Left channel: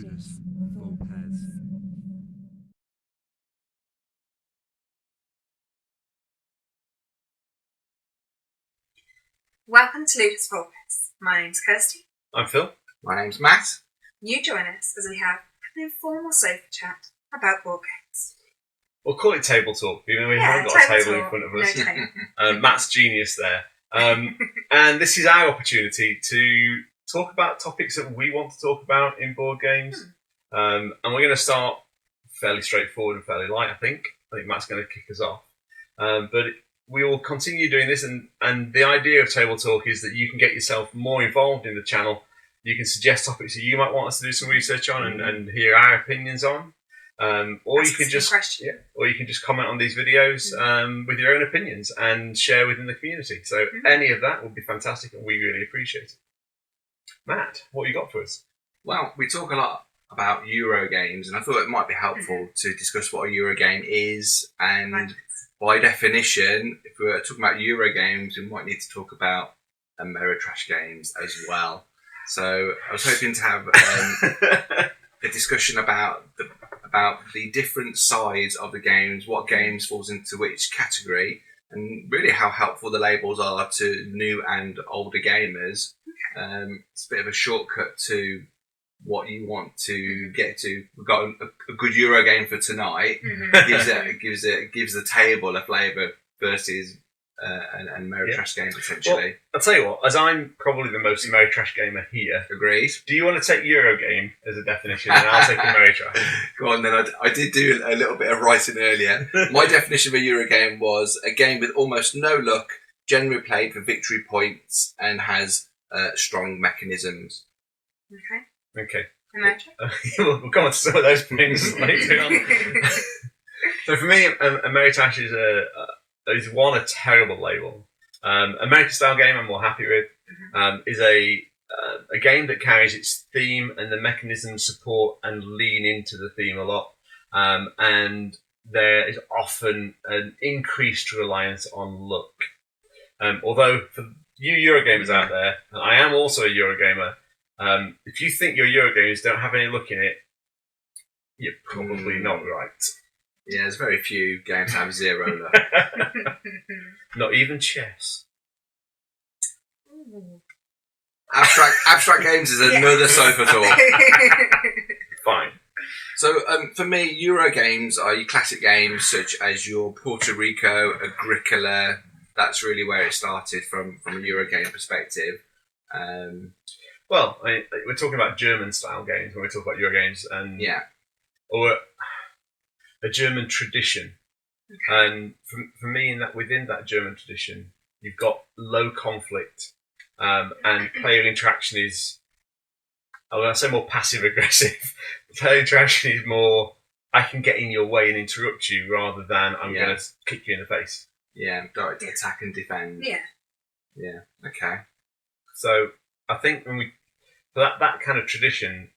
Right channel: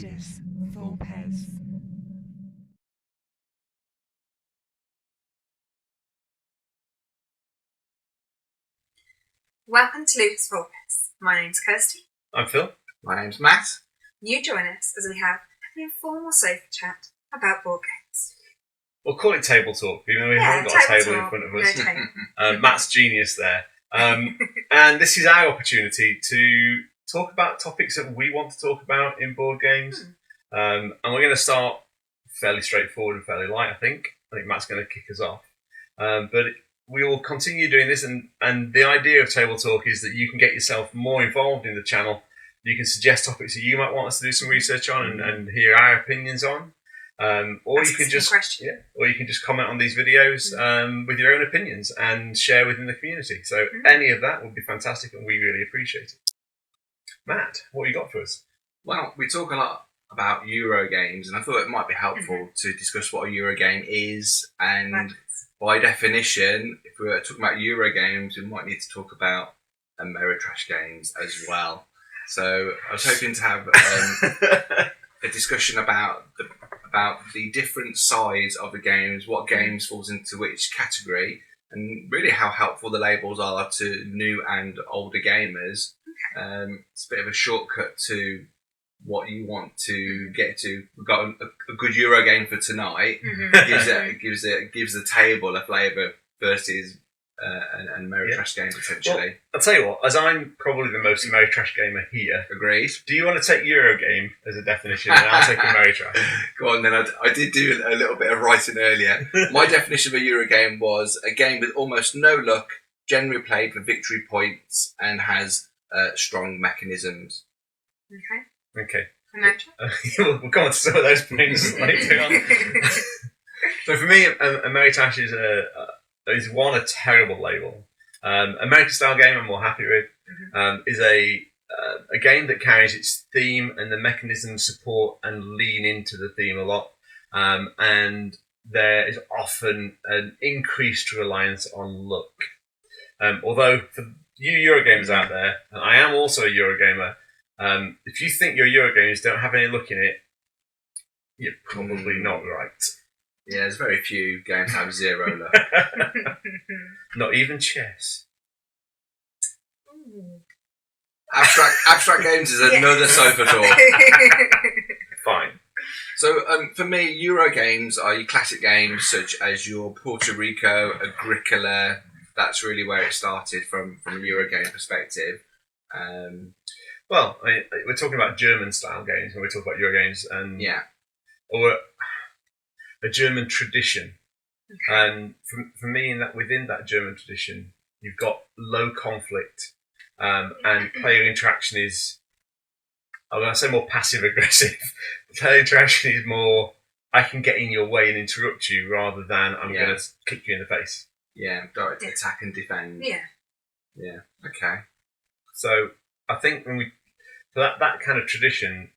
Ludus Vulpes. Welcome to Ludus Vulpes. My name's Kirsty. I'm Phil. My name's Matt. You join us as we have an informal sofa chat about board games. We'll call it table talk, even though we haven't got a table in front of us. No table. Matt's genius there. And this is our opportunity to talk about topics that we want to talk about in board games. And we're going to start fairly straightforward and fairly light, I think. I think Matt's going to kick us off. But we will continue doing this, and the idea of table talk is that you can get yourself more involved in the channel. You can suggest topics that you might want us to do some research on and hear our opinions on. Or you can just comment on these videos with your own opinions and share within the community. So any of that would be fantastic, and we really appreciate it. Matt, what you got for us? Well, we talk a lot about Euro games, and I thought it might be helpful to discuss what a Euro game is. And by definition, if we were talking about Euro games, we might need to talk about Ameri-trash games as well. So I was hoping to have a discussion about the different sides of the games, what games falls into which category, and really how helpful the labels are to new and older gamers. It's a bit of a shortcut to what you want to get to. We've got a good Euro game for tonight. Gives the table a flavour versus an Ameri-trash game potentially. Well, I'll tell you what, as I'm probably the most Ameri-trash gamer here. Agreed. Do you want to take Euro game as a definition, and I'll take Ameri-trash? Go on then. I did do a little bit of writing earlier. My definition of a Euro game was a game with almost no luck, generally played for victory points, and has strong mechanisms. Okay. Ameri-trash? We'll come on to some of those points later on. So for me, Ameri-trash is a terrible label. American style game I'm more happy with. Is a game that carries its theme and the mechanisms support and lean into the theme a lot. And there is often an increased reliance on luck. Although for you Eurogamers out there, and I am also a Eurogamer, if you think your Eurogames don't have any luck in it, you're probably not right. Yeah, there's very few games that have zero luck. Not even chess. Abstract games is another sofa talk. Fine. So for me, Euro games are your classic games such as your Puerto Rico, Agricola. That's really where it started from a Euro game perspective. Well, we're talking about German style games when we talk about Euro games, and or a German tradition. And for me, within that German tradition, you've got low conflict, and player interaction is, I'm going to say more passive aggressive. Player interaction is more, I can get in your way and interrupt you, rather than I'm going to kick you in the face. Yeah, direct attack and defend. Yeah. Okay. So I think for that kind of tradition,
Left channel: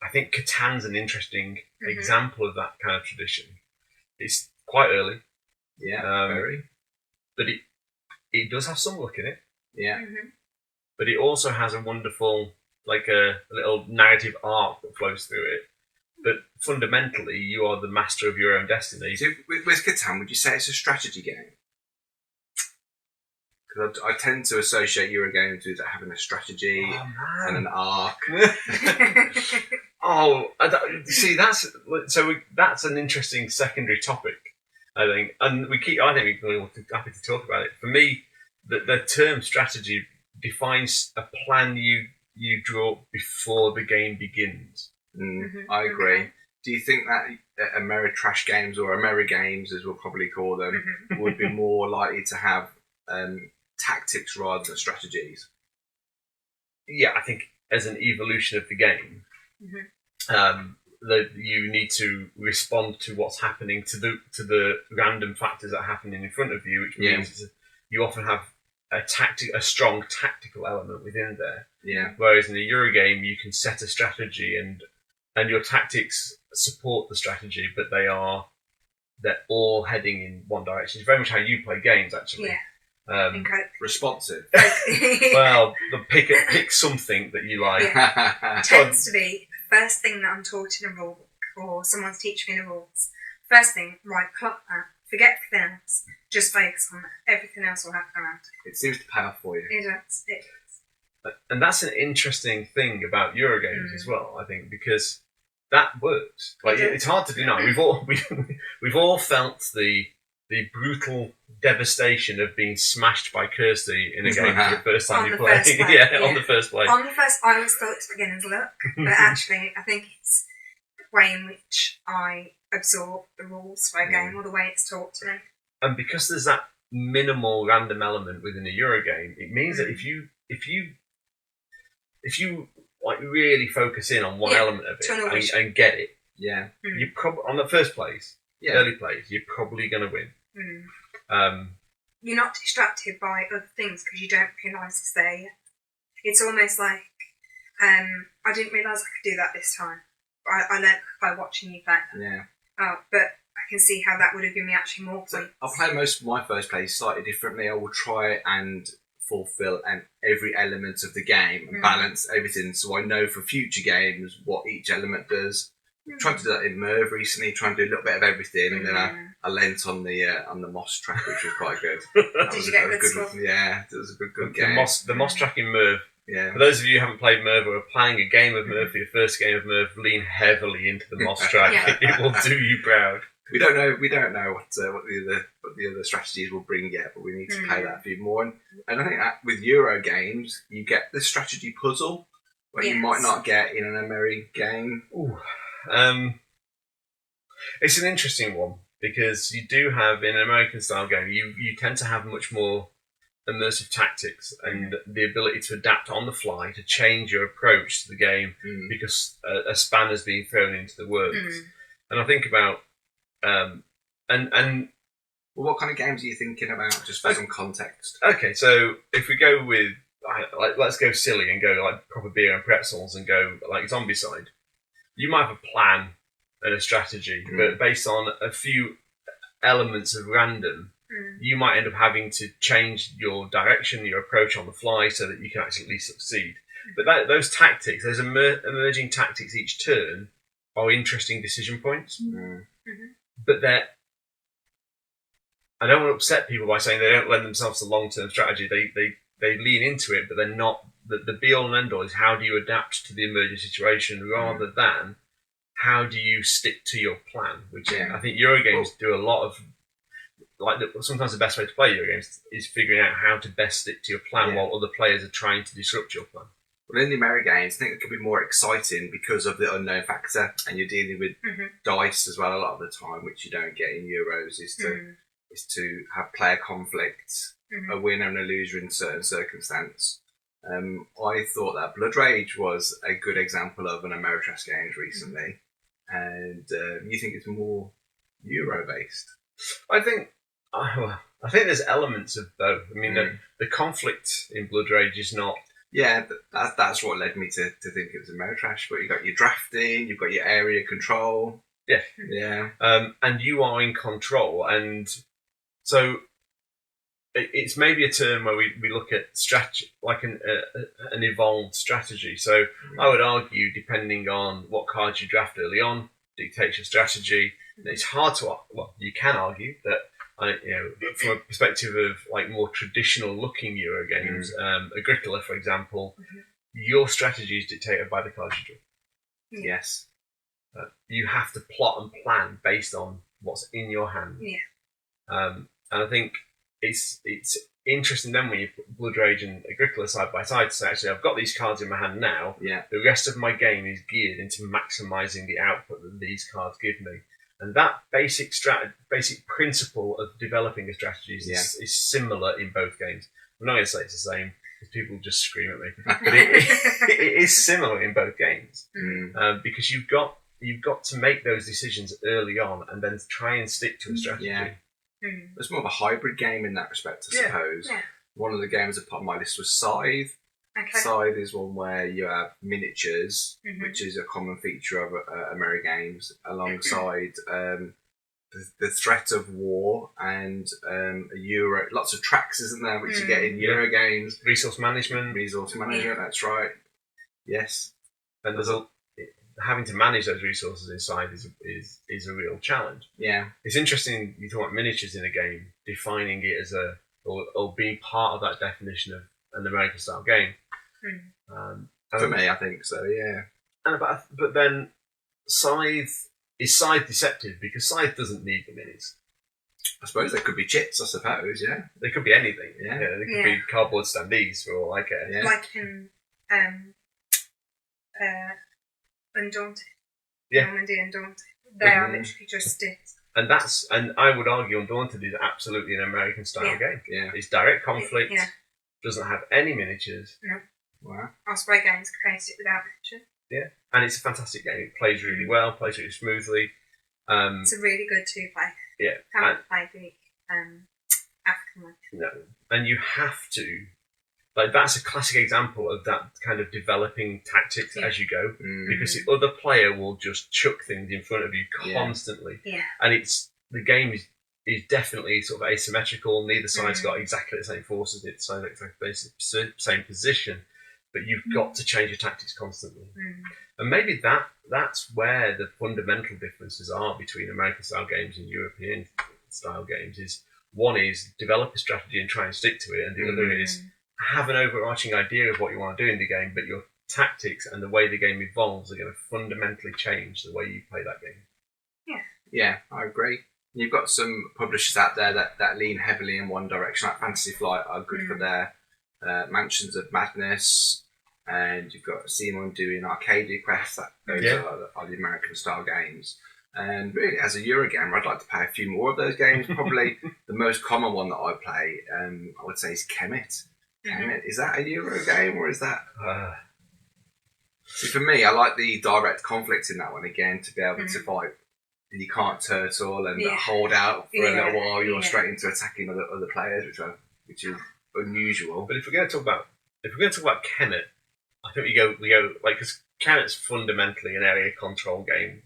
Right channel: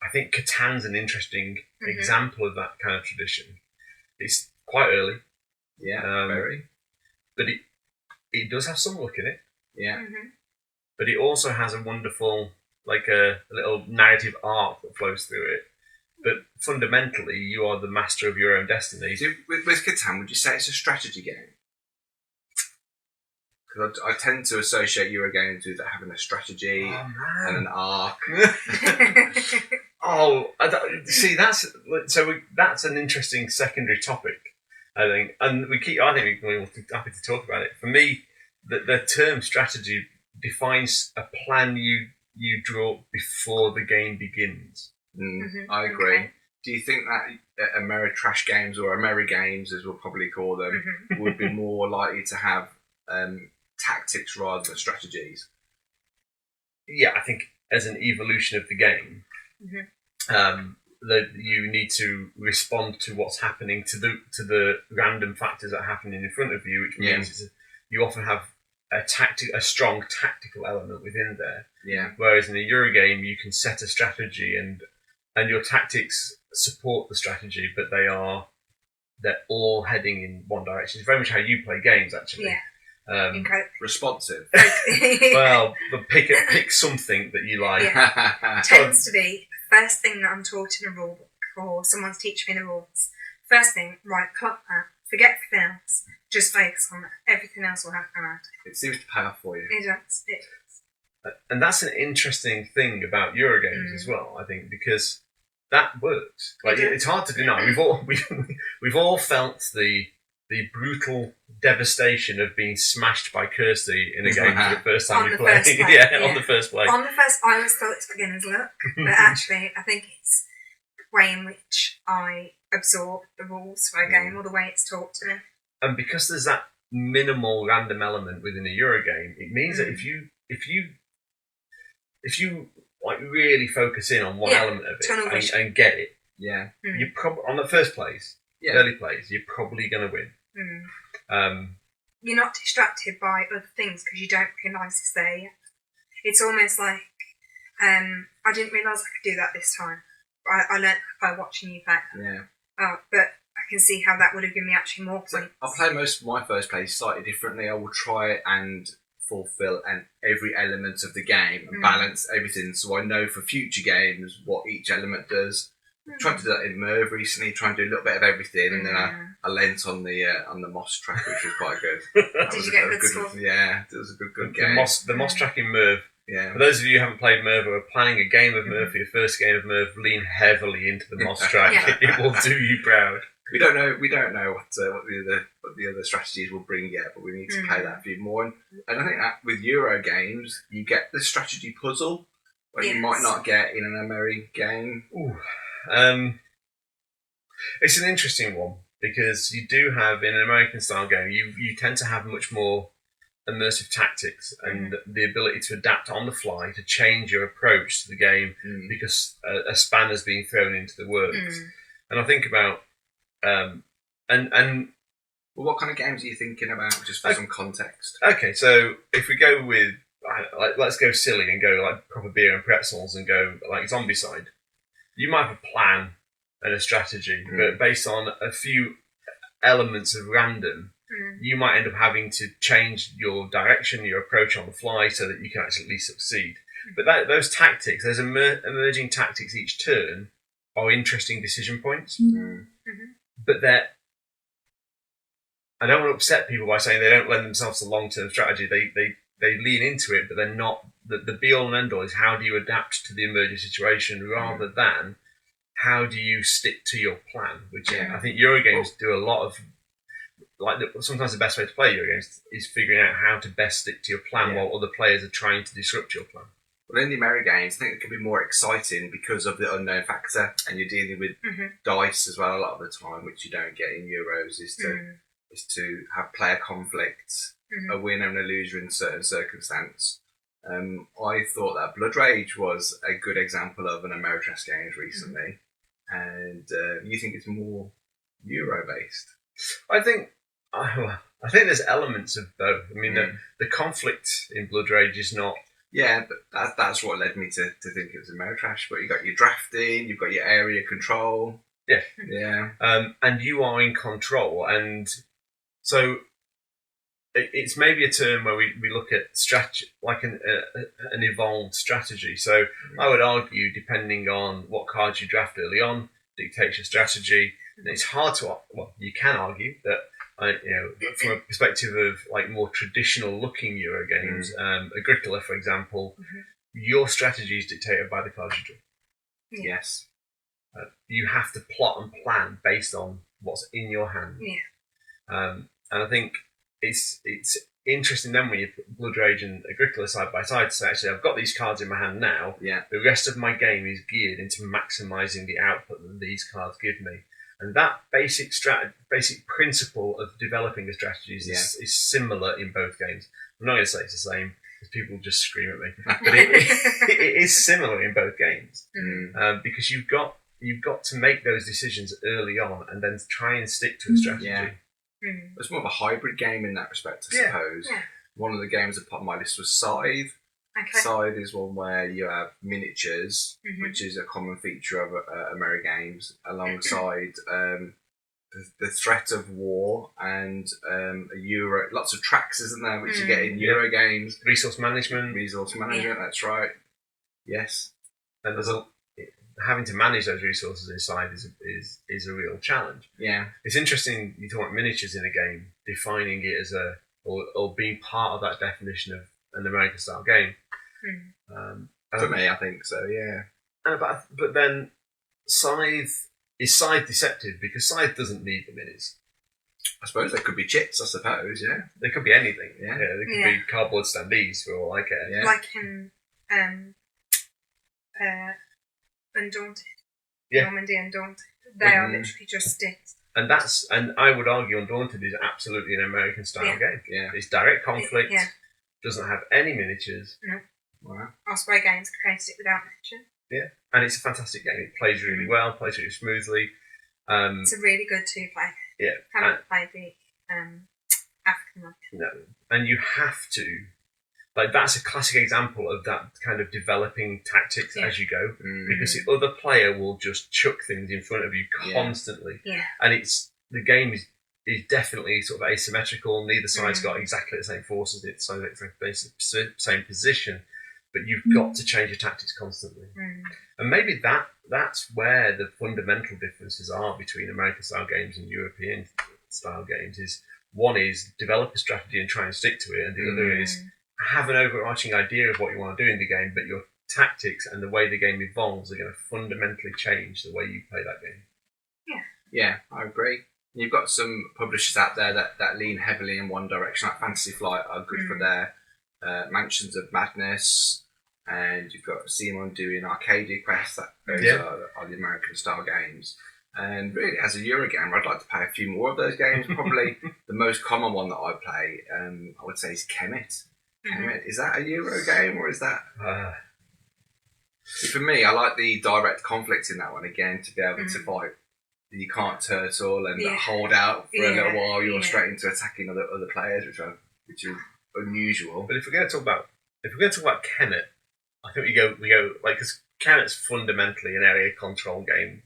I think Catan's an interesting example of that kind of tradition. It's quite early. Yeah, very. But it does have some luck in it. Yeah. But it also has a wonderful, like a little narrative arc that flows through it. But fundamentally, you are the master of your own destiny. So with Catan, would you say it's a strategy game? Because I tend to associate Euro games with having a strategy and an arc. See, that's an interesting secondary topic, I think, and I think we're all happy to talk about it. For me, the term strategy defines a plan you draw before the game begins. I agree. Okay. Do you think that Ameri-trash games, or Ameri games as we'll probably call them, would be more likely to have tactics rather than strategies? Yeah, I think as an evolution of the game, that you need to respond to what's happening to the random factors that are happening in front of you, which means you often have a strong tactical element within there. Yeah. Whereas in a Euro game, you can set a strategy and your tactics support the strategy, but they're all heading in one direction. It's very much how you play games, actually. Yeah. Incredible. Responsive. Well, pick something that you like. Yeah. Tends to be first thing that I'm taught in a rule book or someone's teaching me the rules, first thing, right, clock that, forget everything else, just focus on that. Everything else will happen around It seems to pay off for you. it. It does. It does. And that's an interesting thing about Eurogames as well, I think, because that works. Like, it's hard to deny. We've all felt the brutal devastation of being smashed by Kirsty in a game for the first time On you the play. first play, Yeah, yeah. on the first play. On the first, I always thought it's beginner's luck, but actually, I think it's the way in which I absorb the rules for a game or the way it's taught to me. And because there's that minimal random element within a Eurogame, it means that if you like really focus in on one element of it and get it, Yeah. you probably on the first plays, early plays, you're probably going to win. You're not distracted by other things because you don't realise it's there yet. It's almost like I didn't realise I could do that this time. I learnt by watching you play. Yeah. But I can see how that would have given me actually more points. So I play most of my first plays slightly differently. I will try and fulfill every element of the game and balance everything, so I know for future games what each element does. I've tried to do that in Merv recently, trying to do a little bit of everything, and then I lent on the moss track, which was quite good. Did you get a good score? Yeah, it was a good game. The moss track in Merv. Yeah. For those of you who haven't played Merv or are playing a game of Merv for your first game of Merv, lean heavily into the moss track. It will do you proud. We don't know what the other strategies will bring yet, but we need to play that a few more. And I think that with Euro games, you get the strategy puzzle where you might not get in an Ameri game. Ooh. It's an interesting one because you do have in an American style game, you tend to have much more immersive tactics and the ability to adapt on the fly to change your approach to the game because a spanner's being thrown into the works. And I think about well, what kind of games are you thinking about, just for some context? Okay, so if we go with let's go silly and go like proper beer and pretzels and go like Zombicide. You might have a plan and a strategy, but based on a few elements of random, you might end up having to change your direction, your approach on the fly, so that you can actually succeed. But those tactics, those emerging tactics each turn, are interesting decision points. But I don't want to upset people by saying they don't lend themselves to long-term strategy. They lean into it, but they're not. The be-all and end-all is how do you adapt to the emerging situation rather than how do you stick to your plan, which I think Eurogames do a lot of. Sometimes the best way to play Eurogames is figuring out how to best stick to your plan while other players are trying to disrupt your plan. Well, in the Ameri games, I think it can be more exciting because of the unknown factor, and you're dealing with dice as well a lot of the time, which you don't get in Euros. Is to have player conflicts, a winner and a loser in certain circumstance. I thought that Blood Rage was a good example of an Ameri-trash games recently, and you think it's more Euro based? I think there's elements of both. I mean, the conflict in Blood Rage is not. Yeah, but that's what led me to think it was Ameri-trash. But you've got your drafting, you've got your area control. Yeah. And you are in control, and so it's maybe a term where we look at strategy like an evolved strategy. So I would argue, depending on what cards you draft early on, dictates your strategy. And it's hard to you can argue that from a perspective of like more traditional looking Euro games, Agricola, for example, your strategy is dictated by the cards you draw. Yes. You have to plot and plan based on what's in your hand. And I think it's interesting then when you put Blood Rage and Agricola side by side to say, actually, I've got these cards in my hand now. The rest of my game is geared into maximising the output that these cards give me. And that basic principle of developing a strategy is similar in both games. I'm not going to say it's the same because people just scream at me, but it is similar in both games because you've got to make those decisions early on and then try and stick to a strategy. It's more of a hybrid game in that respect, I suppose. One of the games that put on my list was Scythe. Scythe is one where you have miniatures, which is a common feature of Ameri games, alongside the threat of war and lots of tracks, isn't there, which you get in Euro games. Resource management, that's right. Yes. And having to manage those resources inside is a real challenge. Yeah. It's interesting you talk about miniatures in a game, defining it as or being part of that definition of an American style game. For me, I think so. Yeah. But then Scythe deceptive because Scythe doesn't need the minis. I suppose they could be chits. I suppose. Yeah. They could be anything. Yeah. They could be cardboard standees for all I care. Yeah. Like in Undaunted. Yeah. Normandy Undaunted. They are literally just sticks. And I would argue Undaunted is absolutely an American style game. Yeah. It's direct conflict. Yeah. Doesn't have any miniatures. No. Wow. Osprey Games created it without miniature. Yeah. And it's a fantastic game. It plays really well, plays really smoothly. It's a really good 2-player. Yeah. Haven't played the African one. No. And you have to, like, that's a classic example of that kind of developing tactics as you go, because the other player will just chuck things in front of you constantly. Yeah. And the game is definitely sort of asymmetrical. Neither side's got exactly the same forces, neither side's exactly the same position, but you've got to change your tactics constantly. And maybe that's where the fundamental differences are between American style games and European style games. Is one is develop a strategy and try and stick to it, and the other is have an overarching idea of what you want to do in the game, but your tactics and the way the game evolves are going to fundamentally change the way you play that game. Yeah, I agree. You've got some publishers out there that lean heavily in one direction, like Fantasy Flight are good for their Mansions of Madness, and you've got Simon doing Arcadia Quest. Those are the American style games. And really, as a Eurogamer, I'd like to play a few more of those games. Probably the most common one that I play, I would say, is Kemet. Kemet, is that a Euro game or is that? See, for me, I like the direct conflict in that one again, to be able to fight. You can't turtle and hold out for a little while. You're straight into attacking other players, which is unusual. But if we're going to talk about Kemet, I think we go like, because Kemet's fundamentally an area control game.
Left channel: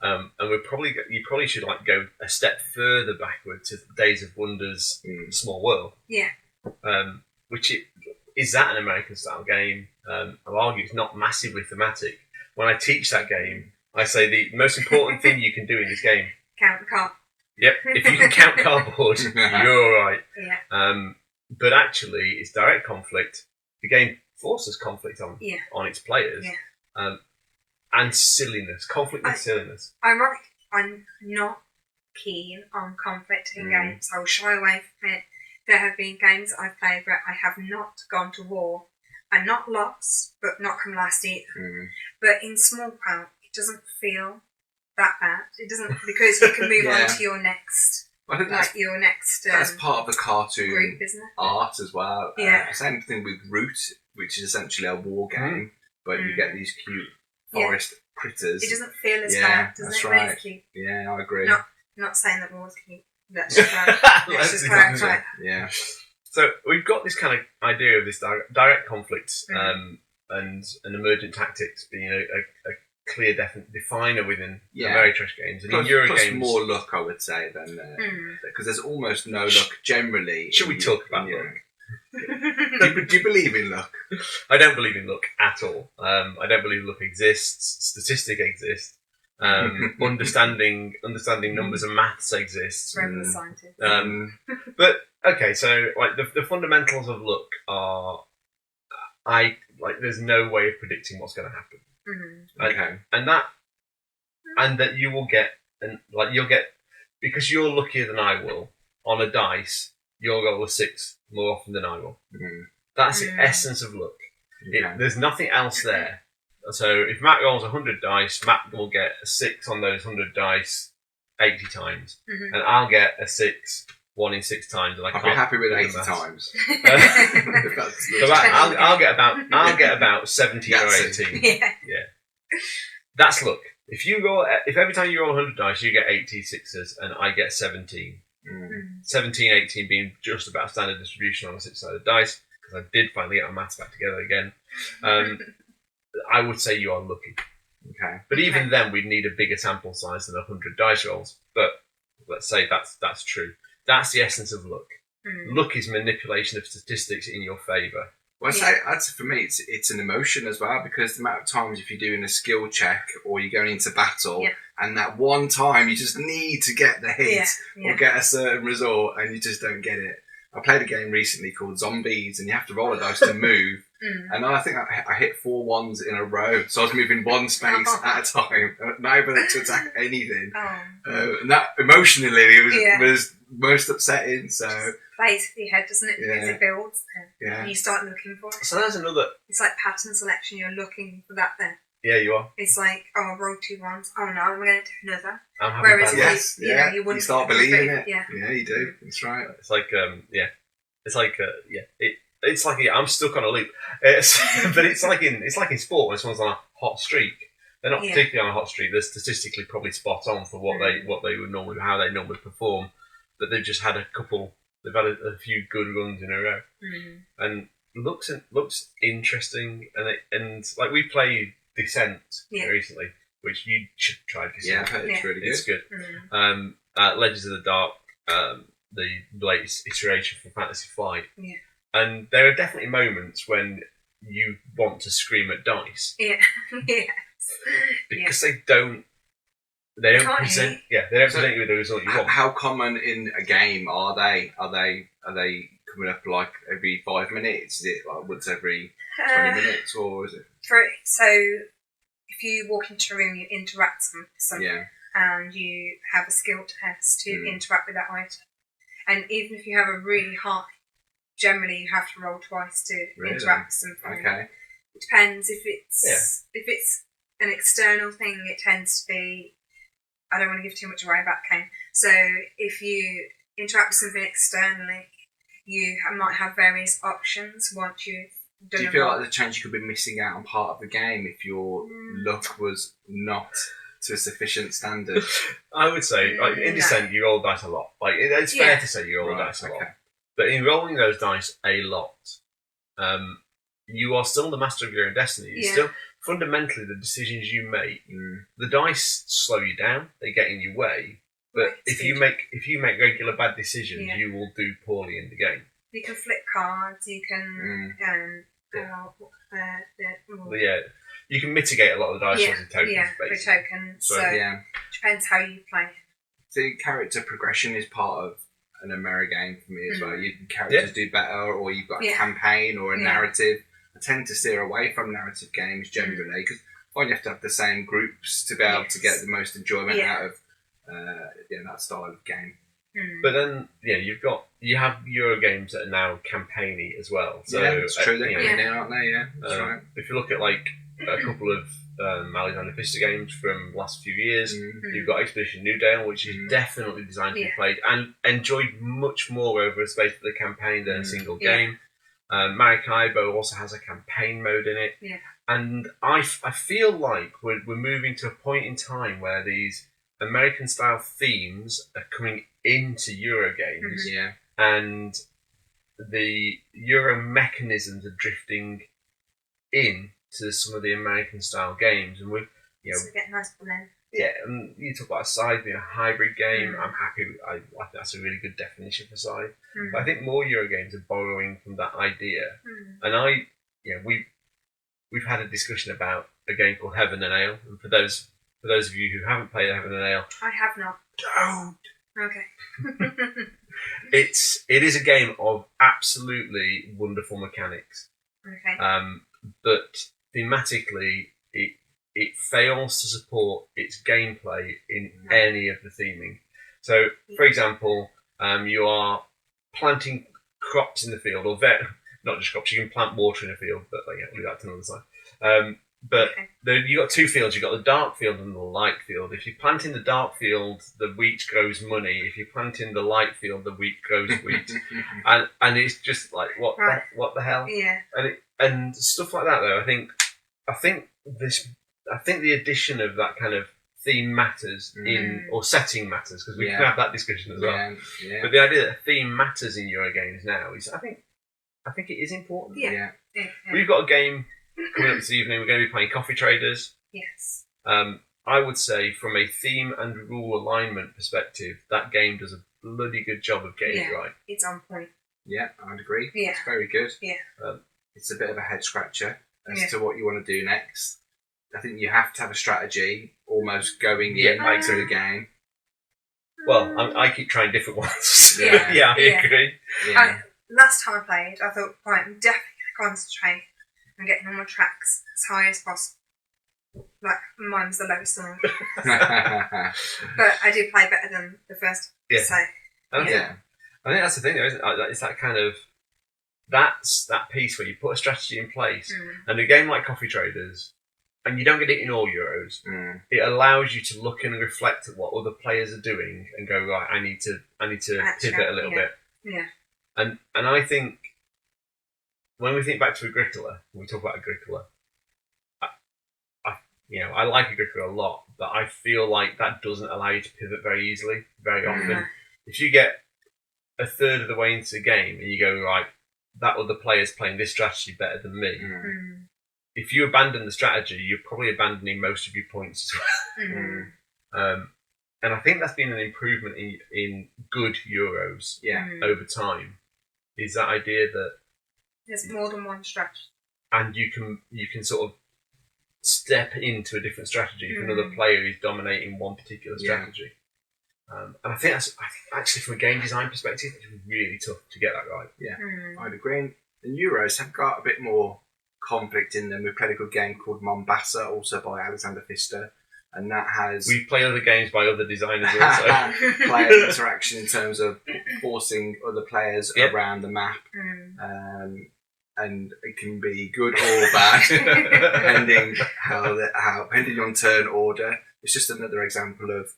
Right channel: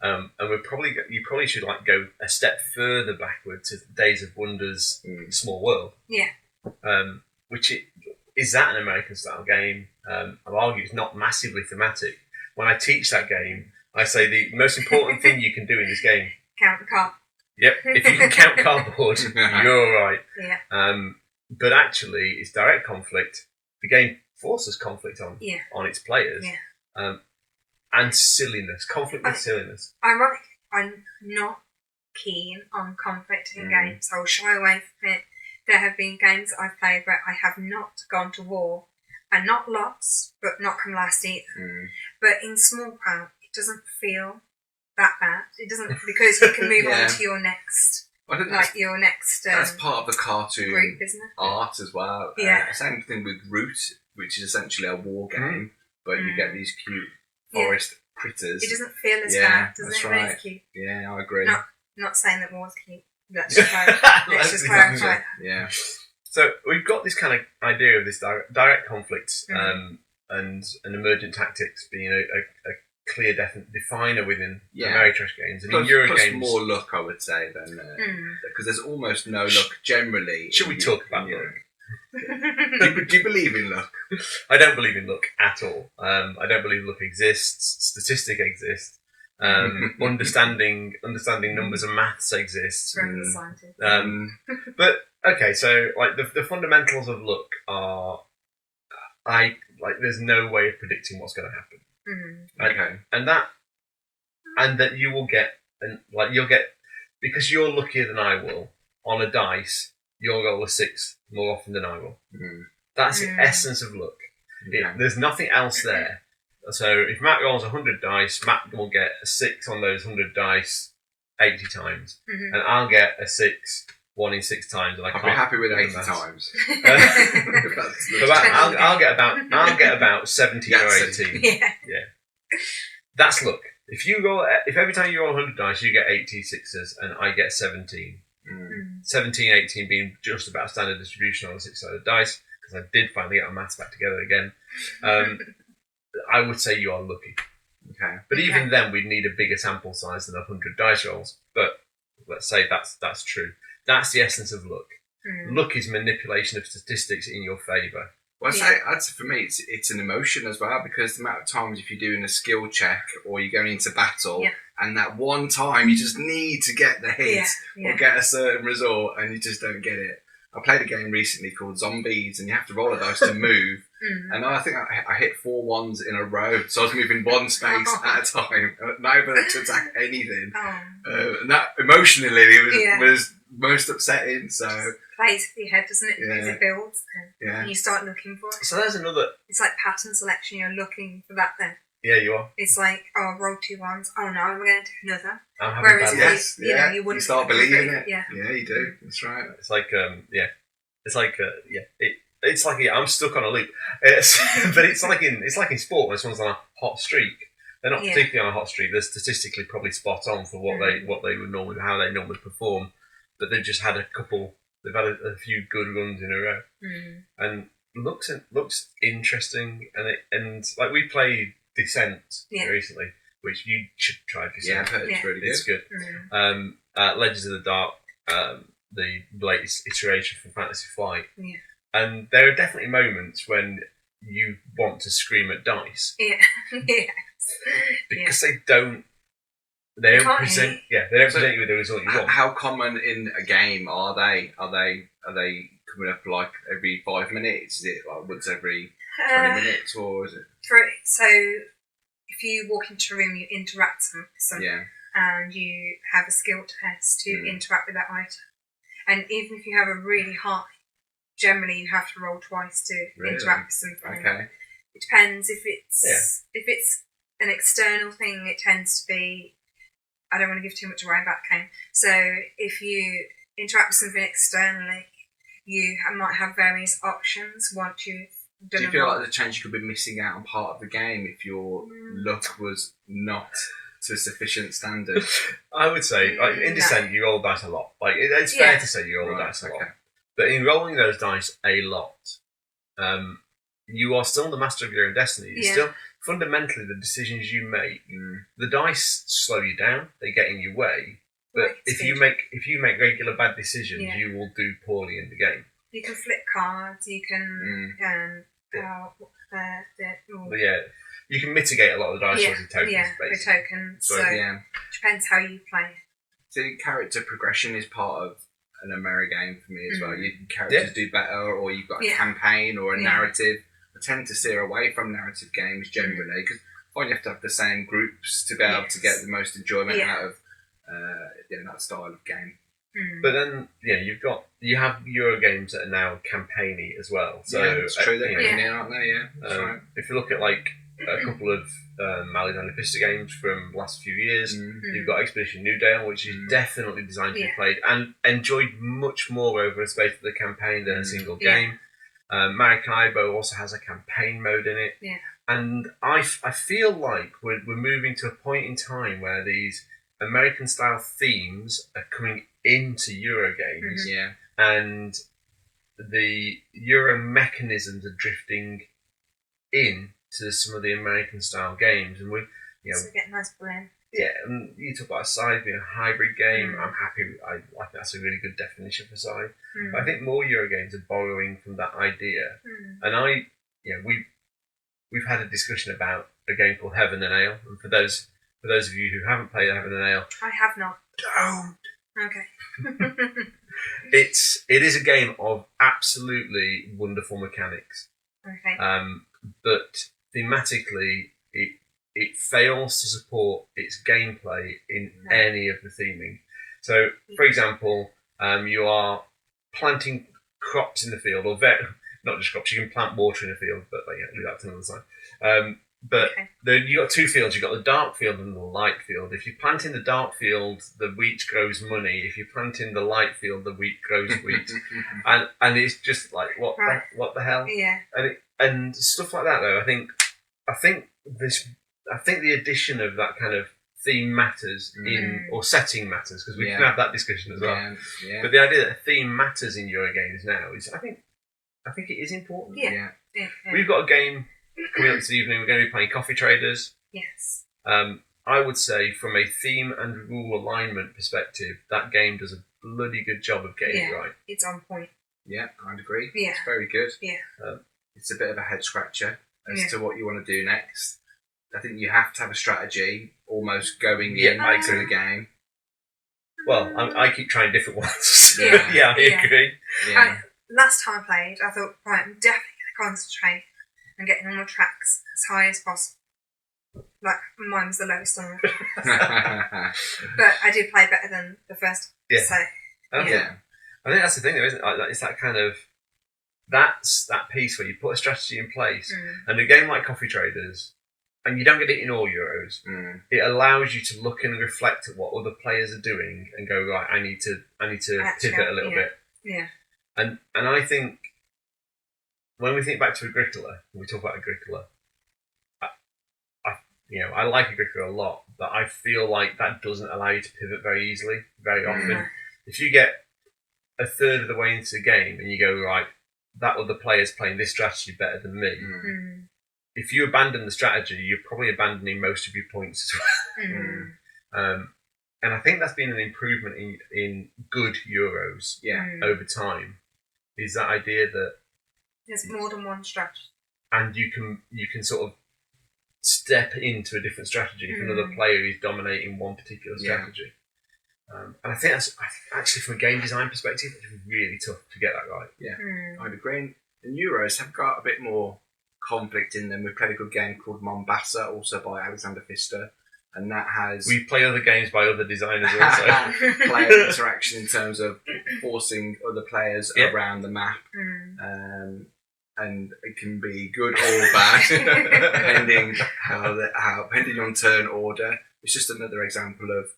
And you probably should like go a step further backward to Days of Wonder's Small World. Yeah. Which is that an American style game? I'll argue it's not massively thematic. When I teach that game, I say the most important thing you can do in this game. Count the card. Yep. If you can count cardboard, you're all right. Yeah. But actually, it's direct conflict. The game forces conflict on its players. Yeah. And silliness. Conflict with silliness. Ironically, I'm not keen on conflict in games. I'll shy away from it. There have been games I've played where I have not gone to war and not lost, but not come last either. But in small crowd, it doesn't feel that bad. It doesn't, because you can move on to your next, your next. That's part of the cartoon group, isn't it? art as well. Yeah. Same thing with Root, which is essentially a war game, but you get these cute forest critters. It doesn't feel as bad, doesn't it? When it's cute. Yeah, I agree. Not saying that war's cute. Let's just clarify. Yeah. So we've got this kind of idea of this direct conflict and emergent tactics being a clear definer within Ameri-trash games. And in Euro plus games, more luck, I would say, than because there's almost no luck generally. Should we talk about luck? Do you believe in luck? I don't believe in luck at all. I don't believe luck exists. Statistics exist. Understanding numbers and maths exists. Forever the scientist. But okay, so like the fundamentals of luck are, there's no way of predicting what's going to happen. And that you will get, because you're luckier than I will on a dice, you'll roll a 6 more often than I will. That's the essence of luck. There's nothing else there. So if Matt rolls 100 dice, Matt will get a 6 on those 100 dice 80 times, and I'll get a 6 1 in 6 times. And I'll be happy with 80 times. I'll get about 17 or 18. Yeah. That's luck. If every time you roll 100 dice, you get 80 sixes, and I get 17. 17, 18 being just about standard distribution on a 6-sided dice, because I did finally get my maths back together again. I would say you are lucky. Okay. But even then, we'd need a bigger sample size than 100 dice rolls. But let's say that's true. That's the essence of luck. Luck is manipulation of statistics in your favour. Well, I'd say for me, it's an emotion as well, because the amount of times if you're doing a skill check or you're going into battle, and that one time you just need to get the hit or get a certain result, and you just don't get it. I played a game recently called Zombies, and you have to roll a dice to move. And I think I hit 4 ones in a row, so I was moving one space at a time, not able to attack anything. And that emotionally was most upsetting. So plays with your head, doesn't it? Because it builds, and you start looking for it. So there's another. It's like pattern selection. You're looking for that then. Yeah, you are. It's like, oh, roll 2 ones. Oh no, we're going to do another. I'm having Whereas, bad luck. you wouldn't. You start believing it. Yeah, you do. That's right. It's like it's like I'm stuck on a loop. But it's like in sport when someone's on a hot streak. They're not particularly on a hot streak. They're statistically probably spot on for what they would normally, how they normally perform. But they've just had a couple. They've had a few good runs in a row, and looks interesting. And like we played Descent recently, which you should try. Descent. Yeah, I've heard it's really good. It's good. Legends of the Dark, the latest iteration from Fantasy Flight. Yeah. And there are definitely moments when you want to scream at dice. Yeah. Yes. Because they don't present. Yeah, they don't present you with the result you want. How common in a game are they? Are they coming up like every 5 minutes? Is it like once every 20 minutes, or is it? So if you walk into a room, you interact with something, and you have a skill test to interact with that item. And even if you have a really high, generally you have to roll twice to interact with something. Okay. It depends if it's an external thing. It tends to be. I don't want to give too much away about the game. So if you interact with something externally, you might have various options once you've done. Do you feel like there's a chance you could be missing out on part of the game if your luck was not to a sufficient standard? I would say, like in Descent, you roll dice a lot. Like it's fair to say you roll dice a lot. But in rolling those dice a lot, you are still the master of your own destiny. It's still fundamentally the decisions you make. The dice slow you down; they get in your way. But if you make regular bad decisions, you will do poorly in the game. You can flip cards. You can you can mitigate a lot of the dice rolls with tokens. With tokens. So depends how you play it. So character progression is part of an Ameri game for me as well. Characters do better, or you've got a campaign or a narrative. I tend to steer away from narrative games generally because I find you have to have the same groups to be able to get the most enjoyment out of that style of game. But then you have Euro games that are now campaigny as well. So it's true, they're coming now, aren't they? Yeah, that's right. If you look at like a couple of Alexander Pfister games from the last few years, you've got Expedition New Dale, which is definitely designed to be played and enjoyed much more over a space of the campaign than a single game. Maracaibo also has a campaign mode in it, and I feel like we're moving to a point in time where these American style themes are coming into Euro games, and the Euro mechanisms are drifting in to some of the American style games, and so we get a nice blend. Yeah, and you talk about Scythe being a hybrid game. I'm happy. I think that's a really good definition for Scythe. But I think more Euro games are borrowing from that idea. And we've had a discussion about a game called Heaven and Ale. And for those of you who haven't played Heaven and Ale, I have not. Don't. Okay. It is a game of absolutely wonderful mechanics. Okay. But thematically, it fails to support its gameplay in any of the theming. So, for example, you are planting crops in the field, or not just crops. You can plant water in a field, but leave that to another time. You got 2 fields. You got the dark field and the light field. If you plant in the dark field, the wheat grows money. If you plant in the light field, the wheat grows wheat. and it's just like what the hell? Yeah. And stuff like that though. I think the addition of that kind of theme matters or setting matters, because we can have that discussion as well. Yeah. But the idea that a theme matters in Euro games now is, I think it is important. Yeah. We've got a game coming up this evening. We're going to be playing Coffee Traders. Yes. I would say from a theme and rule alignment perspective, that game does a bloody good job of getting it right. It's on point. Yeah, I'd agree. Yeah. It's very good. Yeah. it's a bit of a head scratcher as to what you want to do next. I think you have to have a strategy almost going into the game. Well, I keep trying different ones. Yeah. I agree. Yeah. Last time I played, I thought, right, I'm definitely going to concentrate on getting all my tracks as high as possible. Like, mine was the lowest on all. But I did play better than the first. Yeah. So, I think that's the thing, though, isn't it? It's that kind of... That's that piece where you put a strategy in place, and a game like Coffee Traders, and you don't get it in all Euros, it allows you to look and reflect at what other players are doing and go, right, I need to pivot a little bit. Yeah. And I think when we think back to Agricola, when we talk about Agricola, I like Agricola a lot, but I feel like that doesn't allow you to pivot very easily, very often. If you get a third of the way into the game and you go, right, that other player's playing this strategy better than me, if you abandon the strategy, you're probably abandoning most of your points as well. And I think that's been an improvement in good Euros over time, is that idea that there's more than one strategy. And you can sort of step into a different strategy if another player is dominating one particular strategy. And I think actually from a game design perspective, it's really tough to get that right. Yeah, I'd agree. And Euros have got a bit more conflict in them. We played a good game called Mombasa, also by Alexander Pfister, and that has... We play other games by other designers also. Player interaction in terms of forcing other players around the map. And it can be good or bad, depending on turn order. It's just another example of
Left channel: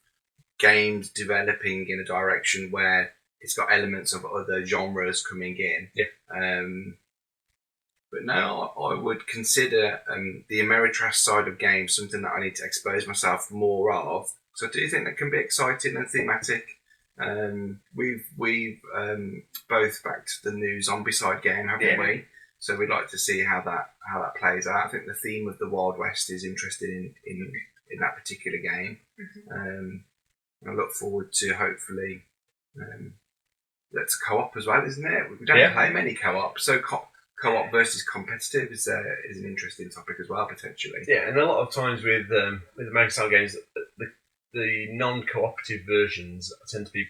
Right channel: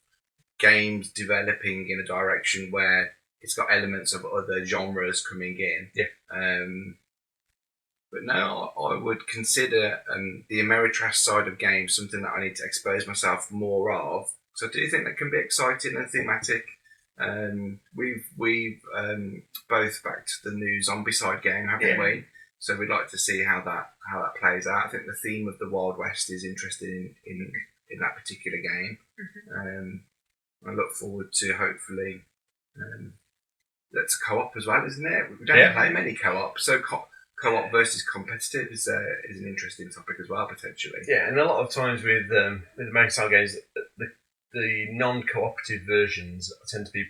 games developing in a direction where it's got elements of other genres coming in. But no, I would consider the Ameri-trash side of games something that I need to expose myself more of, because I do think that can be exciting and thematic. We've both backed the new Zombicide game, haven't we? So we'd like to see how that plays out. I think the theme of the Wild West is interesting in that particular game. I look forward to hopefully that's co-op as well, isn't it? We don't play many co-op, so co-op versus competitive is an interesting topic as well, potentially. Yeah, and a lot of times with American style games, the non-cooperative versions tend to be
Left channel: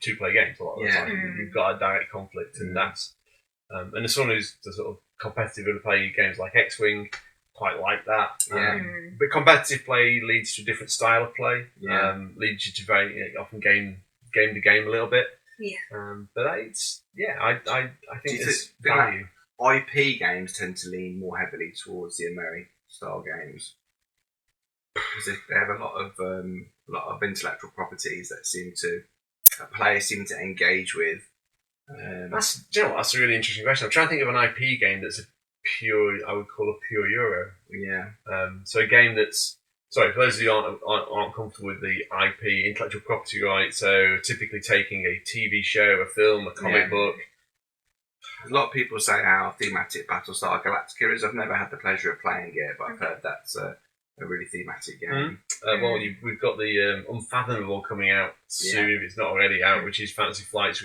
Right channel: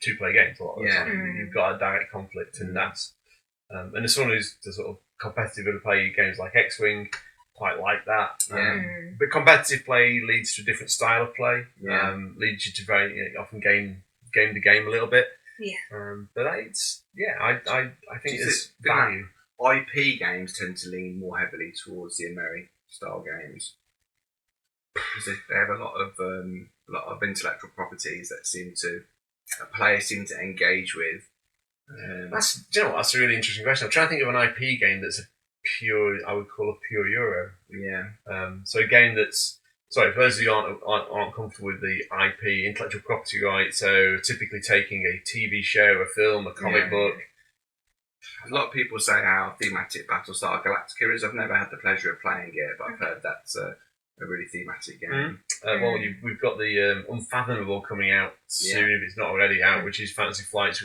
two-player games a lot of the time. You've got a direct conflict, and that's and as someone who's the sort of competitive to play games like X-Wing, quite like that. But competitive play leads to a different style of play. Leads you to very often game the game a little bit. But I think there's value. IP games tend to lean more heavily towards the Ameri style games because they have a lot of intellectual properties that players seem to engage with. That's a really interesting question. I'm trying to think of an IP game that's I would call a pure Euro. So a game that's, sorry, for those of you who aren't comfortable with the IP, intellectual property rights, so typically taking a TV show, a film, a comic book. A lot of people say how thematic Battlestar Galactica is. I've never had the pleasure of playing it, but I've heard that's a really thematic game. We've got the Unfathomable coming out soon, if it's not already out, which is Fantasy Flight's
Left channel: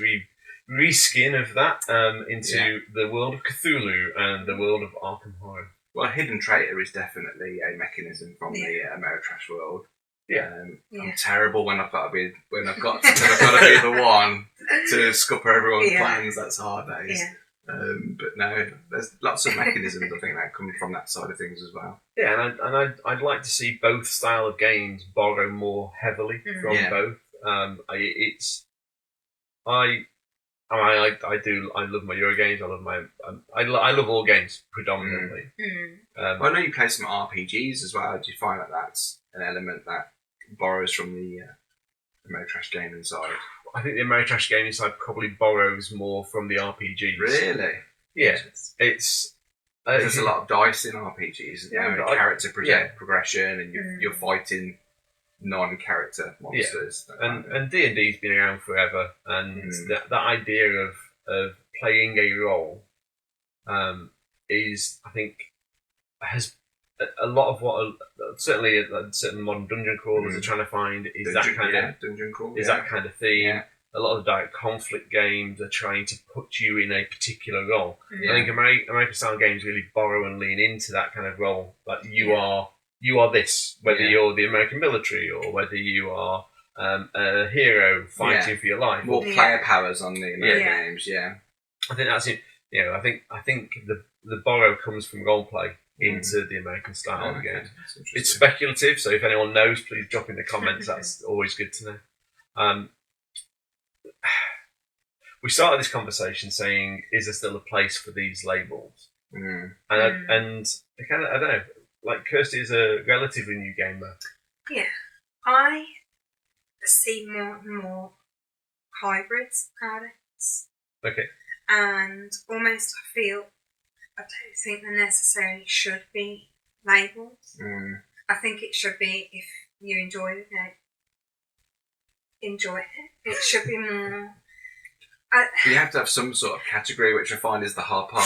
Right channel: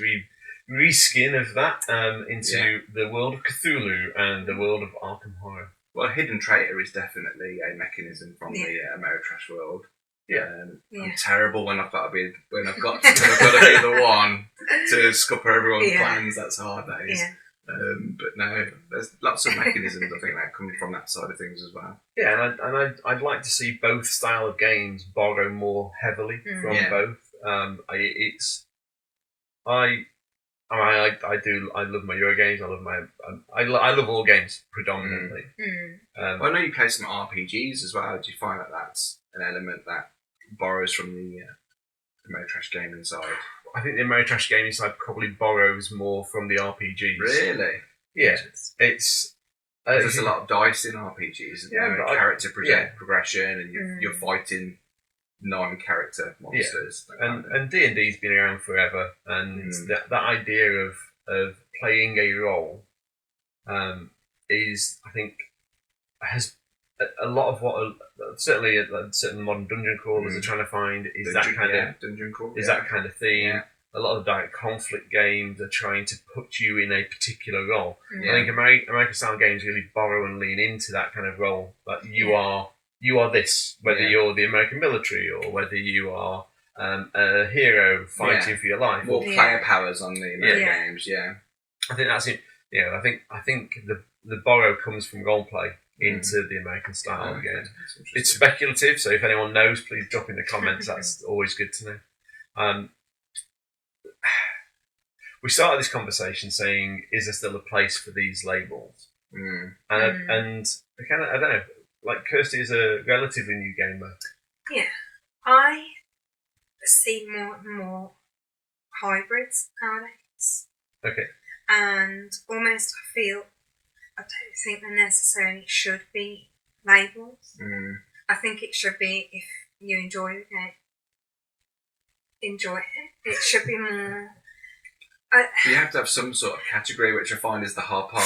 reskin of that into the world of Cthulhu and the world of Arkham Horror. Well, Hidden Traitor is definitely a mechanism from the Ameri-trash world. I'm terrible when I've got to be the one to scupper everyone's plans. That's hard, that is. But no, there's lots of mechanisms I think that come from that side of things as well. Yeah, and I'd like to see both style of games borrow more heavily from both. I love my Euro games. I love all games predominantly. Well, I know you play some RPGs as well. Do you find that that's an element that borrows from the Ameri-trash gaming side? I think the Ameri-trash gaming side probably borrows more from the RPGs. Really? Yeah, it's there's a lot of dice in RPGs. Character progression, and you're fighting non-character monsters. And D&D's been around forever, and that idea of playing a role is, I think, has a lot of what certainly certain modern dungeon crawlers are trying to find is that kind of dungeon crawl, that kind of theme. a lot of the direct conflict games are trying to put you in a particular role. Mm. I think American style games really borrow and lean into that kind of role. Like you are this, whether you're the American military or whether you are a hero fighting for your life. More player powers on the American games. Yeah, I think that's it. You know, I think the borrow comes from role play into the American style of games. It's speculative, so if anyone knows, please drop in the comments. That's always good to know. We started this conversation saying, "Is there still a place for these labels?" And I kind of, I don't know. Like Kirsty is a relatively new gamer. Yeah, I see more and more hybrids nowadays. Okay. And almost I don't think there necessarily should be labels. I think it should be, if you enjoy the game, enjoy it. It should be more. You have to have some sort of category, which I find is the hard part.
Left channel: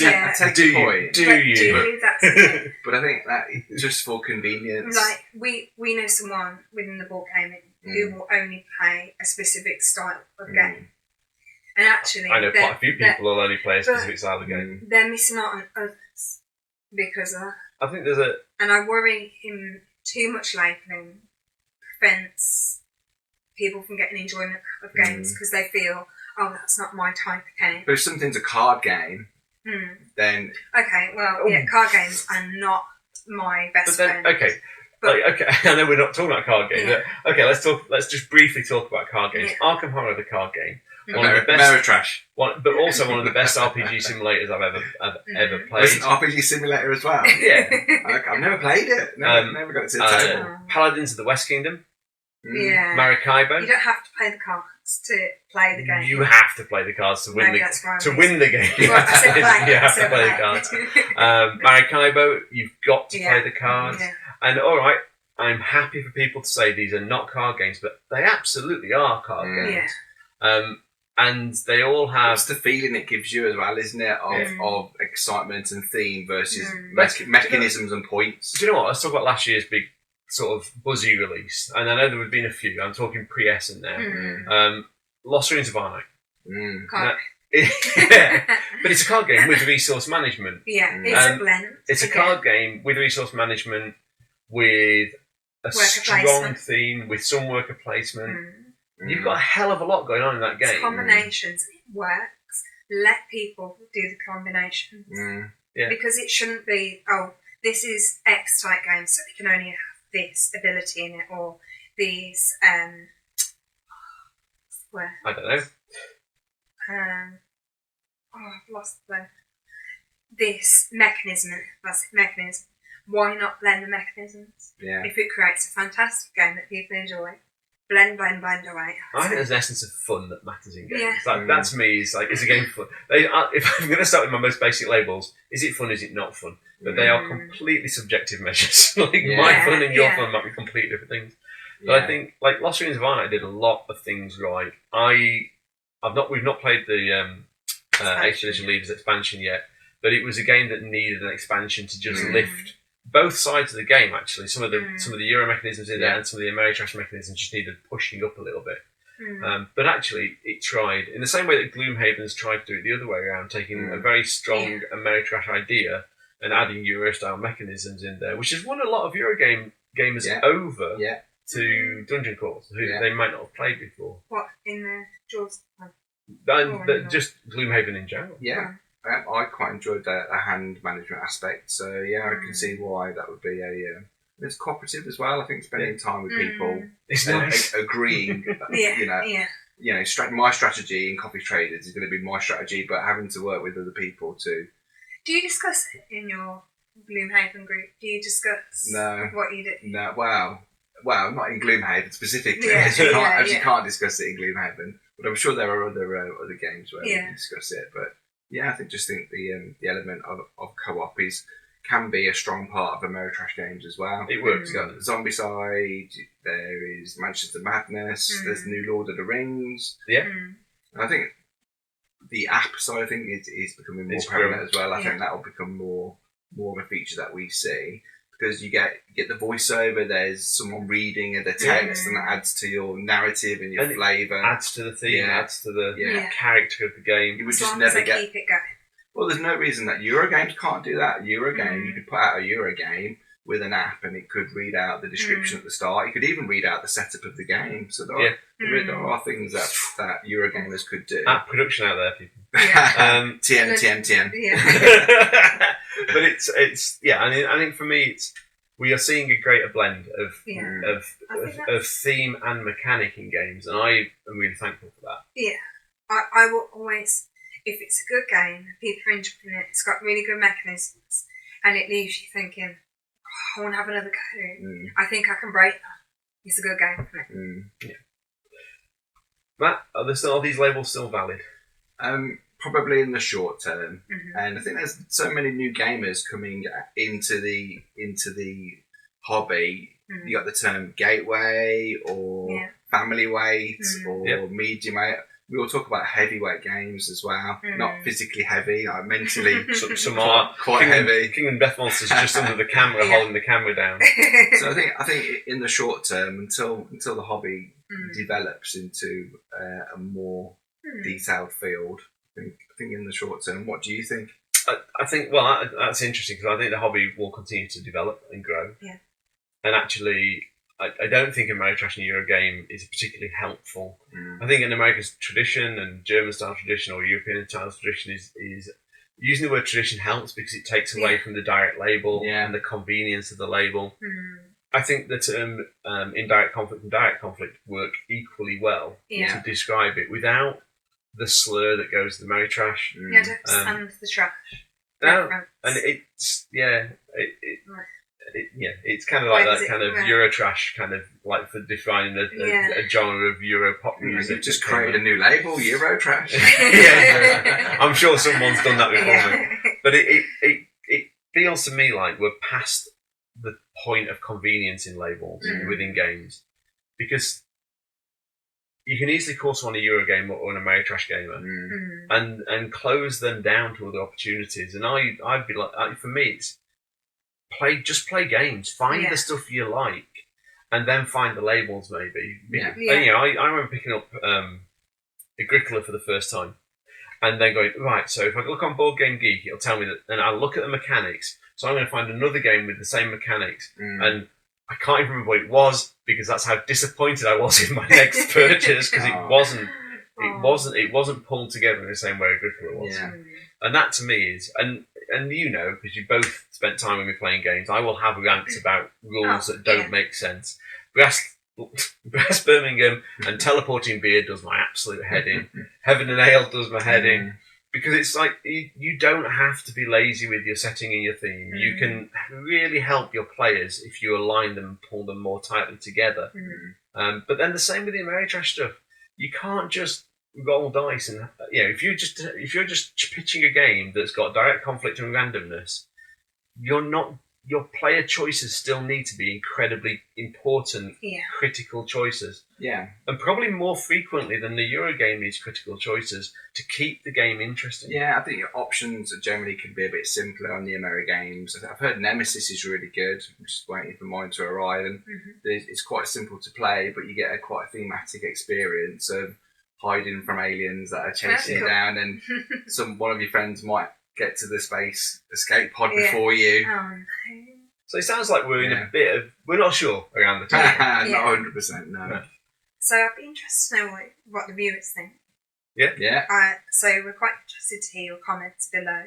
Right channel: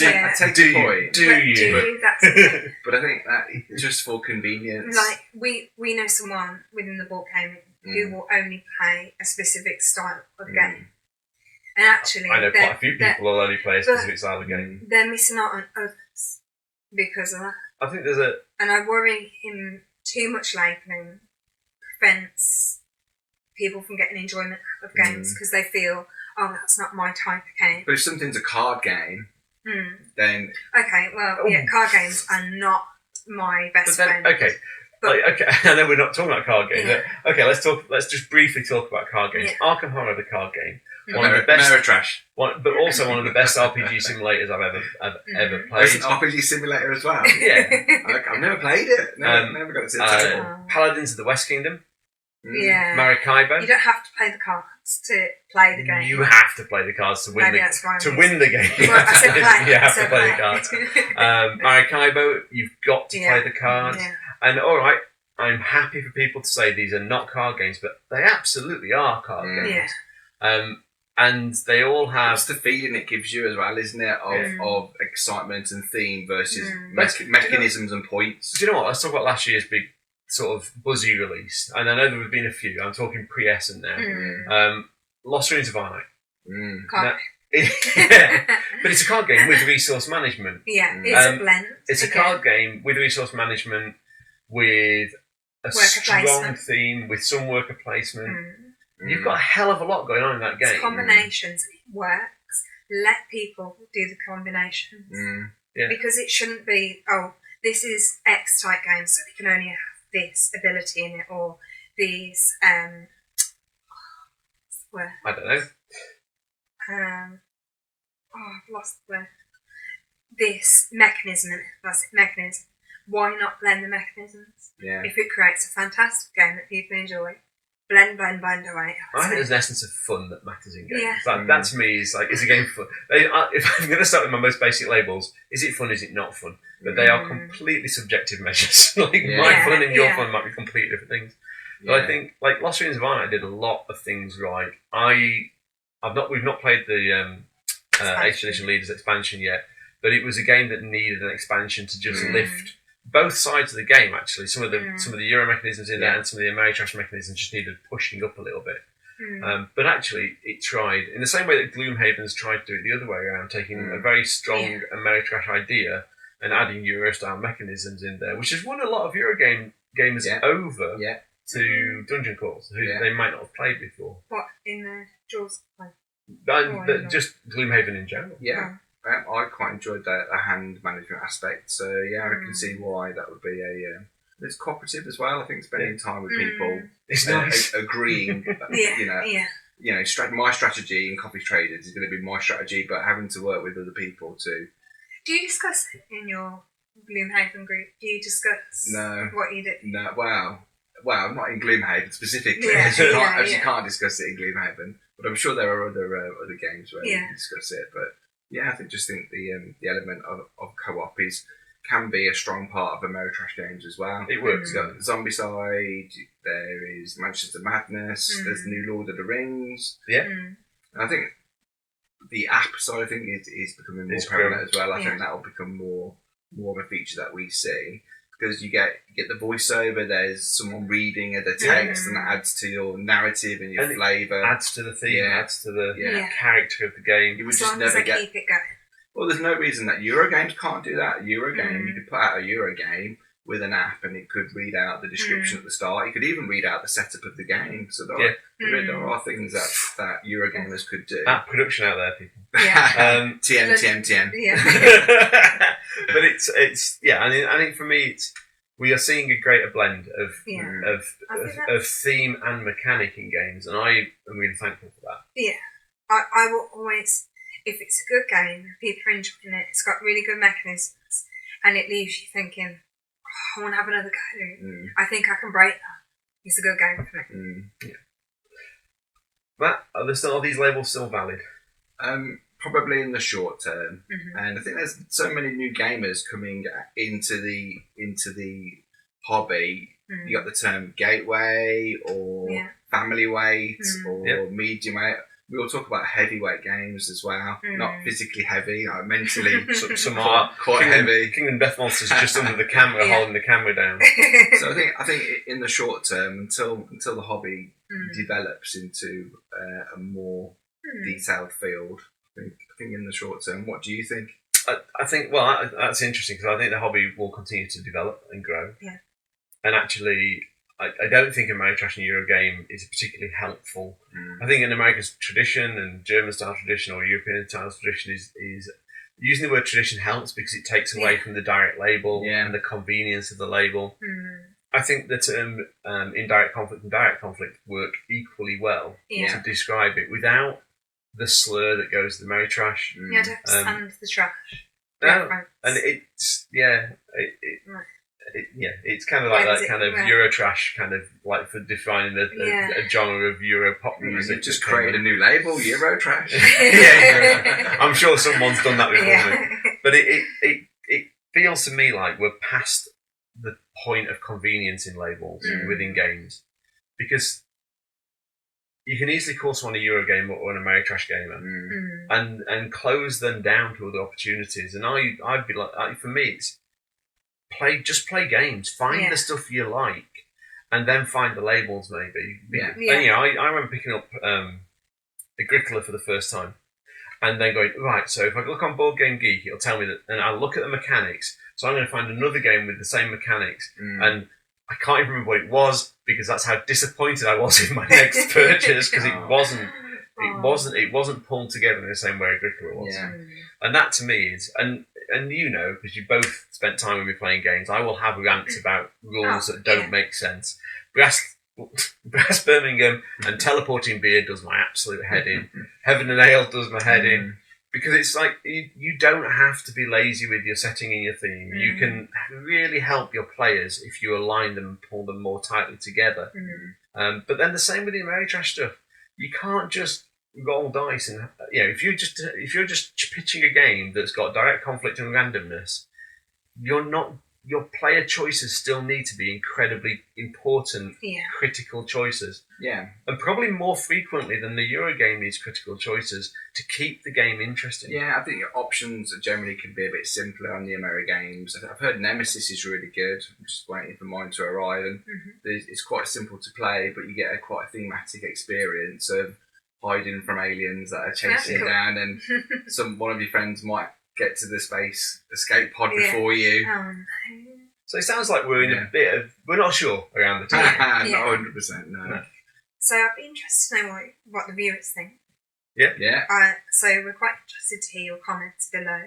Yeah, I take the point. Do you? That's the thing. But I think that just for convenience. Like, we know someone within the board gaming who will only play a specific style of game. And actually, I know quite a few people who'll only play a specific style of game. They're missing out on others because of that. I think there's And I worry him too much labelling prevents people from getting enjoyment of games because they feel, oh, that's not my type of game. But if something's a card game, then... Okay, well, card games are not my best friend. Okay. Okay, I know we're not talking about card games. Yeah. But okay, let's just briefly talk about card games. Yeah. Arkham Horror, the card game, one of the best, Ameri-trash. But also one of the best RPG simulators I've ever played. It's an RPG simulator as well. Yeah, I've never played it. Never got to see it. Paladins of the West Kingdom. Yeah. Maracaibo. You don't have to play the cards to play the game. You have to play the cards to win win the game. Well, I said play. You have to play the cards. Maracaibo, you've got to play the cards. Yeah. And all right, I'm happy for people to say these are not card games, but they absolutely are card games. Yeah. And they all have... It's the feeling it gives you as well, isn't it? Of excitement and theme versus mechanisms and points. Do you know what? Let's talk about last year's big sort of buzzy release. And I know there have been a few. I'm talking pre-Essen now. Lost Ruins of Arnak. Card but it's a card game with resource management. Yeah, it's a blend. It's a card game with resource management, with a strong theme, with some worker placement. You've got a hell of a lot going on in that game. It's combinations. It works. Let people do the combinations. Because it shouldn't be, oh, this is X type game, so we can only have this ability in it, or these, I don't know. I've lost the word. This mechanism. That's it, mechanism. Why not blend the mechanisms? Yeah. If it creates a fantastic game that people enjoy, blend away. I think there's an essence of fun that matters in games. Yeah. Like, that to me is like, is a game fun? If I'm going to start with my most basic labels, is it fun, is it not fun? But they are completely subjective measures. Like my fun and your fun might be completely different things. But I think like Lost Ruins of Arnak did a lot of things right. We've not played the 8th edition Leaders expansion yet, but it was a game that needed an expansion to just lift both sides of the game. Actually, some of the Euro mechanisms in there and some of the Ameri-trash mechanisms just needed pushing up a little bit. But actually, it tried in the same way that Gloomhaven's tried to do it the other way around, taking a very strong Ameri-trash idea and adding Euro-style mechanisms in there, which has won a lot of Euro gamers over to Dungeon Crawls, who they might not have played before. What, in the Jaws? But just Gloomhaven in general. Yeah. I quite enjoyed the hand management aspect, so I can see why that would be a... it's cooperative as well. I think spending time with people, it's nice. Agreeing, that, my strategy in Coffee Traders is going to be my strategy, but having to work with other people too. Do you discuss it in your Gloomhaven group? Do you discuss what you do? No, well, not in Gloomhaven specifically. You can't discuss it in Gloomhaven, but I'm sure there are other games where we can discuss it. But I think the element of co-op can be a strong part of Ameri-trash games as well. It works. You've got the zombie side. There is Mansions of Madness. There's the new Lord of the Rings. Yeah, and I think the app side of thing is becoming more prevalent as well. I think that will become more of a feature that we see. because you get the voiceover. There's someone reading the text, and that adds to your narrative and your flavour. Adds to the theme. Yeah. Adds to the Yeah. character of the game. You would As just long as never they get. keep it going. Well, there's no reason that Eurogames can't do that. Eurogame, you could put out a Eurogame with an app, and it could read out the description at the start. You could even read out the setup of the game. So there are things that Eurogamers could do. App production out there, people. Yeah. TM. Yeah. But it's I think for me we are seeing a greater blend I think of theme and mechanic in games, and I am really thankful for that. Yeah. I will always, if it's a good game, people are enjoying it, it's got really good mechanisms, and it leaves you thinking, I want to have another go. I think I can break that. It's a good game for me. Yeah. Matt, are these labels still valid? Probably in the short term, and I think there's so many new gamers coming into the hobby. You got the term gateway or family weight or medium weight. We all talk about heavyweight games as well, not physically heavy, mentally Some are quite heavy. King and Death Monsters just under the camera, holding the camera down. So I think in the short term, until the hobby develops into a more detailed field, I think in the short term. What do you think? I think that's interesting, because I think the hobby will continue to develop and grow. Yeah. And actually, I don't think Ameri-trash and Eurogame is particularly helpful. I think in America's tradition and German style tradition or European style tradition is using the word tradition helps, because it takes away from the direct label and the convenience of the label. I think the term indirect conflict and direct conflict work equally well to describe it without the slur that goes to the Ameri-trash. Yeah, don't and the trash. And it's it's kind of like that kind of Eurotrash, kind of like for defining a genre of Euro pop music. Just created a new label, Eurotrash. I'm sure someone's done that before me. But it feels to me like we're past the point of convenience in labels within games, because you can easily call someone a Eurogame or an Ameri-trash gamer and close them down to other opportunities. And I'd be like, for me, it's play games, find the stuff you like, and then find the labels maybe. And, I remember picking up Agricola for the first time, and then going, right, so if I look on Board Game Geek, it'll tell me that, and I'll look at the mechanics. So I'm going to find another game with the same mechanics, and I can't even remember what it was, because that's how disappointed I was in my next purchase, because it wasn't pulled together in the same way Agricola was. And that to me is, and because you both spent time with me playing games, I will have rants about rules that don't make sense. Brass Birmingham and teleporting beer does my absolute head in. Heaven and Ale does my head in. Because it's like, you don't have to be lazy with your setting and your theme. You can really help your players if you align them and pull them more tightly together. But then the same with the Ameri-trash stuff. You can't just roll dice, and if you're just pitching a game that's got direct conflict and randomness, your player choices still need to be incredibly important, critical choices. Yeah. And probably more frequently than the Eurogame needs critical choices to keep the game interesting. Yeah, I think your options generally can be a bit simpler on the Ameri-games. I've heard Nemesis is really good. I'm just waiting for mine to arrive, and it's quite simple to play, but you get quite a thematic experience of hiding from aliens that are chasing you down, and one of your friends might get to the space escape pod before you. So it sounds like we're in a bit of... We're not sure around the time. Not 100%, no. So I'd be interested to know what the viewers think. Yeah. So we're quite interested to hear your comments below.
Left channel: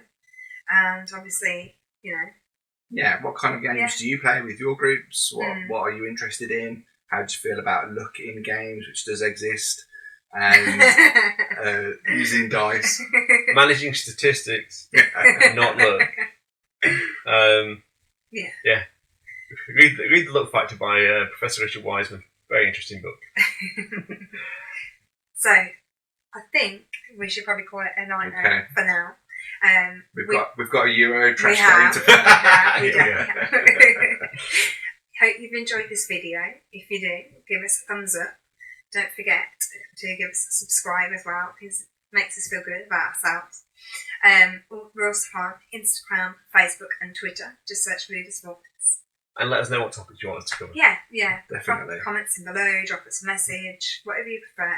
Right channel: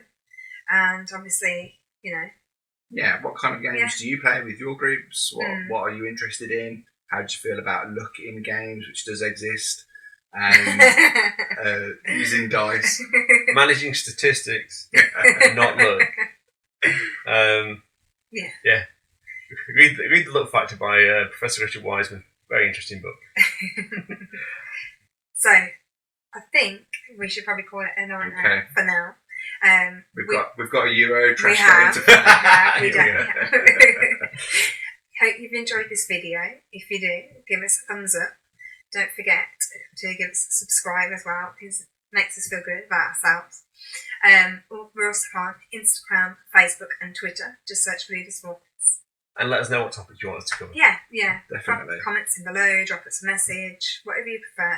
And obviously, Yeah, what kind of games do you play with your groups? What are you interested in? How do you feel about luck in games, which does exist? And using dice, managing statistics, not luck. Read the Luck Factor by Professor Richard Wiseman. Very interesting book. So I think we should probably call it a night for now. We've got a Euro-trash game to play. We do. Hope you've enjoyed this video. If you do, give us a thumbs up. Don't forget to give us a subscribe as well, because it makes us feel good about ourselves. We're also on Instagram, Facebook and Twitter. Just search for Ludus Vulpes. and let us know what topics you want us to cover. Yeah. Definitely. Drop comments in below, drop us a message, whatever you prefer.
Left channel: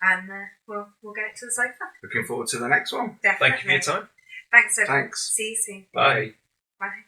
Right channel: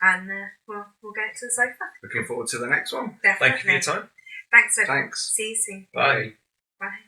And we'll get it to the sofa. Looking forward to the next one. Definitely. Thank you for your time. Thanks, everyone. Thanks. See you soon. Bye. Bye.